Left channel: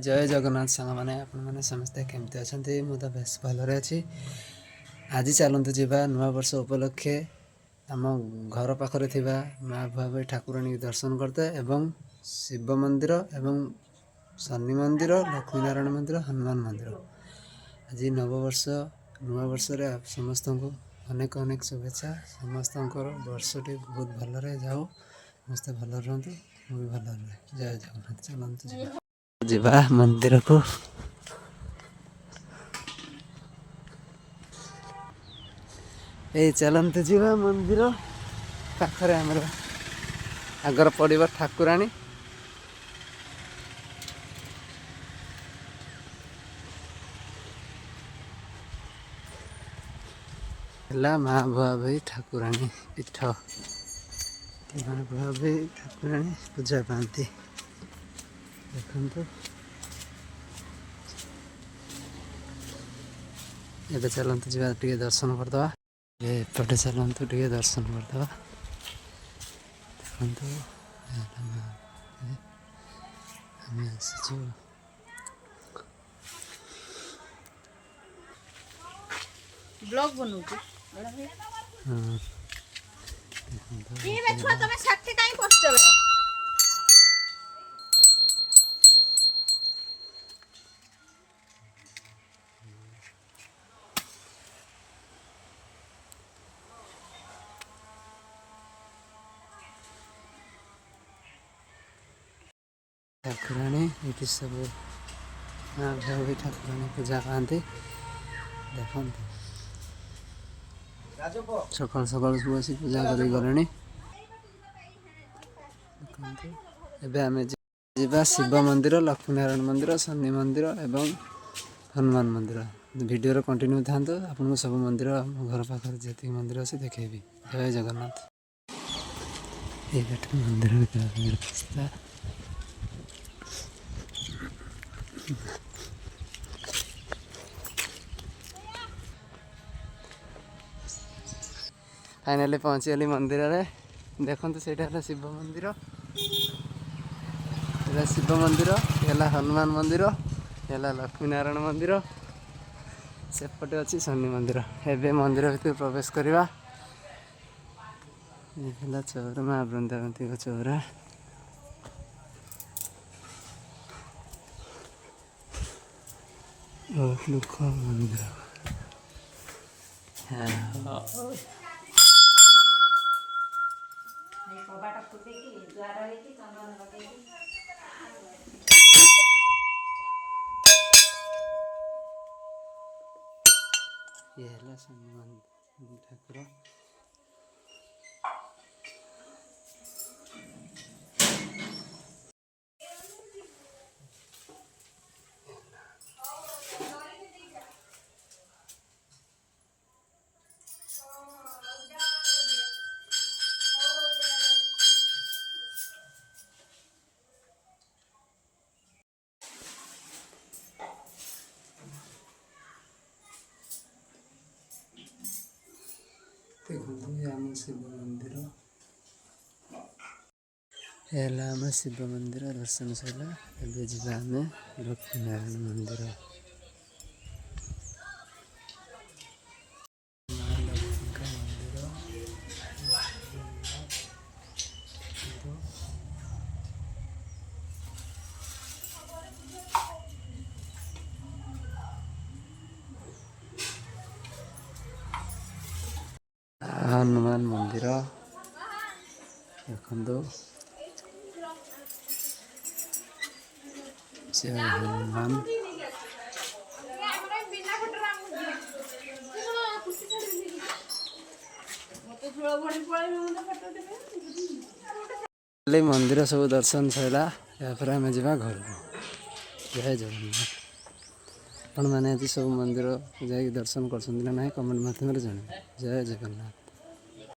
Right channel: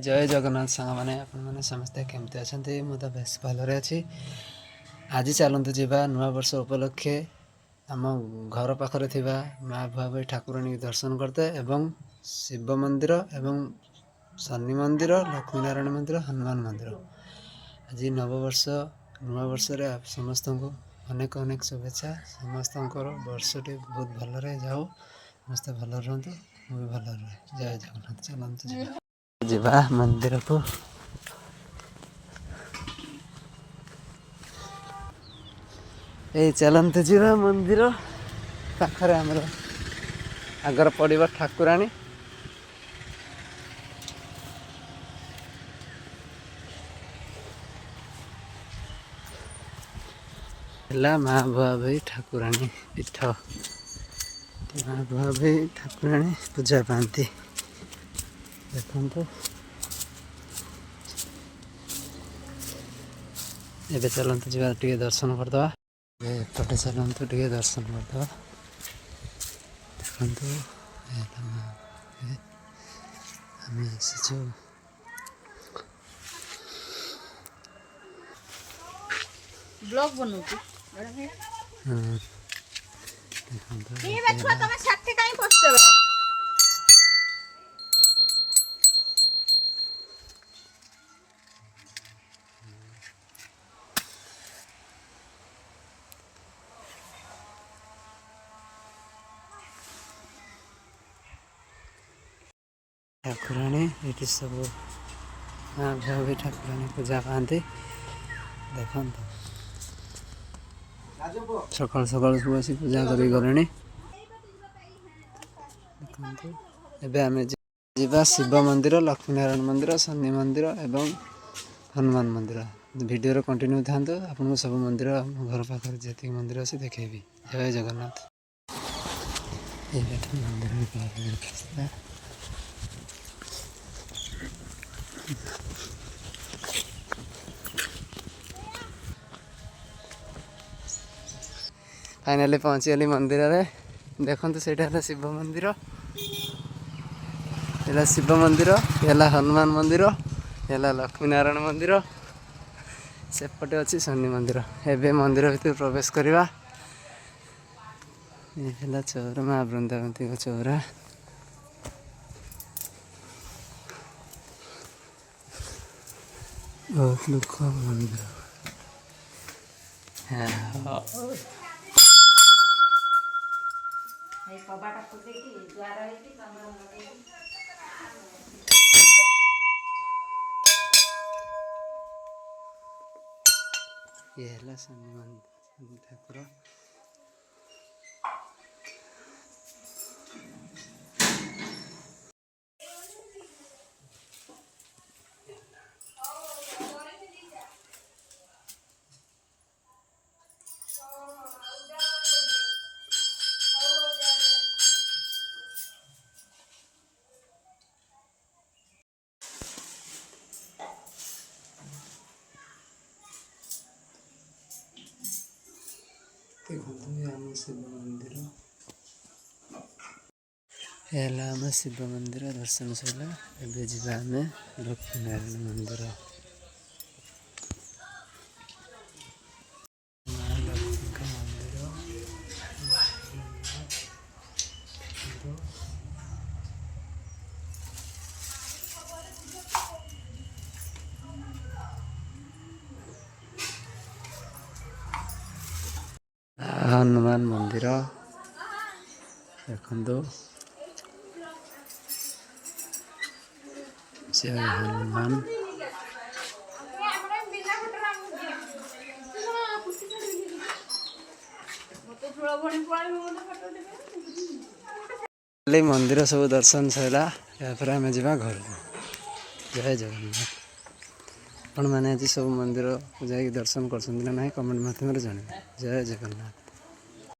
जय जगन्नाथ सांग मैंने आपने समस्ते केमती अच्छा मुझे बेस भलरे अच्छी आज चलतु जा नुआ वर्ष उपलक्षे आम घर पाखरे थिबा माँ भुआ ठाकुराणी दर्शन करते एवं शिव मंदिर एवं शनि मंदिर लक्ष्मी नारायण मंदिर हनुमान मंदिर आज नववर्ष नुआ वर्ष समस्त को अनेक अनेक शुभेच्छा समस्त वर्षटी बहुत भलरे जाओ समस्ते भल रुहतु मुझे भल रहे जय जगन्नाथ चलतु जा मंदिर को ये चलते जा मंदिर पाखरे आमर आगर पड़ो ठाकुराणी माँ बुआ भाई ठाकुराणी पीठ माँ बुआ भाई ठाकुराणी पूजा पाती देखो एबे चलते जा दर्शन करदे एपटे चलते टे दर्शन करदे देखो आम आसी ब्लॉग बनौती बड़ा भाई ये बछुआ तमे छाती काई पछचबे ठाकुराणी ये सब माँ भी ठाकुराणी पूजा पाती देखो सकाल सकाल सब आसी पूजा कर गले देखते आम जा शिव मंदिर लक्ष्मी नारायण मंदिर शनि मंदिर एवं हनुमान मंदिर वीडियो कंटिन्यू था आपको सब मंदिर घर पाखे जी मंदिर अच्छे देखेबी जय जगन्नाथ ये मंदिर रास्ता फाइनाली पहुँचीगली मंदिर रे देखो से शिव मंदिर ये शिव मंदिर ये हनुमान मंदिर ये लक्ष्मी नारायण मंदिर सेपटे अच्छी शनि मंदिर एवं मंदिर भर प्रवेश करवा ये चौरा माँ बृंदावती चौरा बहुत लोक मंदिर ये है शनि मंदिर ठाकुर आम शिव मंदिर है आम शिव मंदिर दर्शन सर एवं जा आम लक्ष्मी नारायण मंदिर हनुमान मंदिर देखो जय हनुमान मंदिर सब दर्शन सरला यापर आम जा घर को जय जगन्नाथ आपण मैंने आज सब मंदिर जा दर्शन कर कमेंट मध्यम जन जय जगन्नाथ।